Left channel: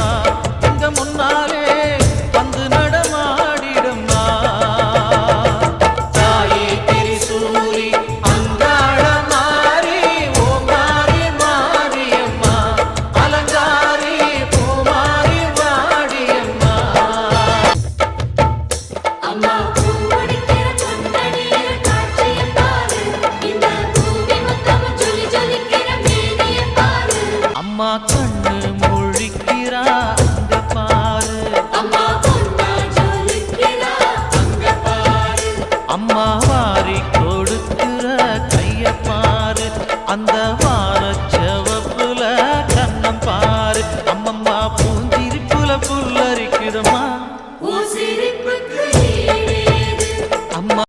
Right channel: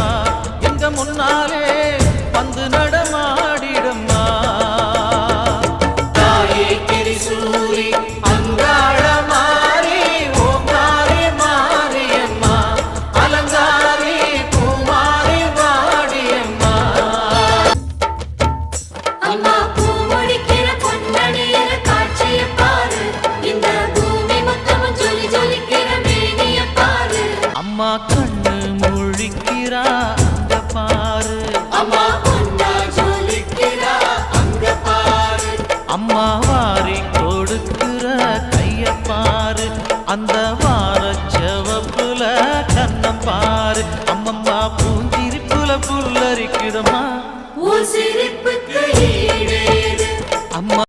நடமா எங்க முன்னாலே வந்து நடமாடிடம்மா. தாயே திரிசூரி அங்காள மாறி ஓம் மாறி மாரியம்மா. அலங்காரி பூமாரி வாடியம்மா. அம்மா பூமுடிக்கிற பொன்னணியில காட்சியை அம்மா கண்ணு ஜொலிக்கிறா அங்க பாரு. அம்மா வாரி கொடுக்கிற கைய பாரு. அந்த வார செவப்புல கண்ணம் பாரு. அம்மம்மா பூஞ்சிரிப்புல புல்லரிக்குதம்மா. சிரிப்பு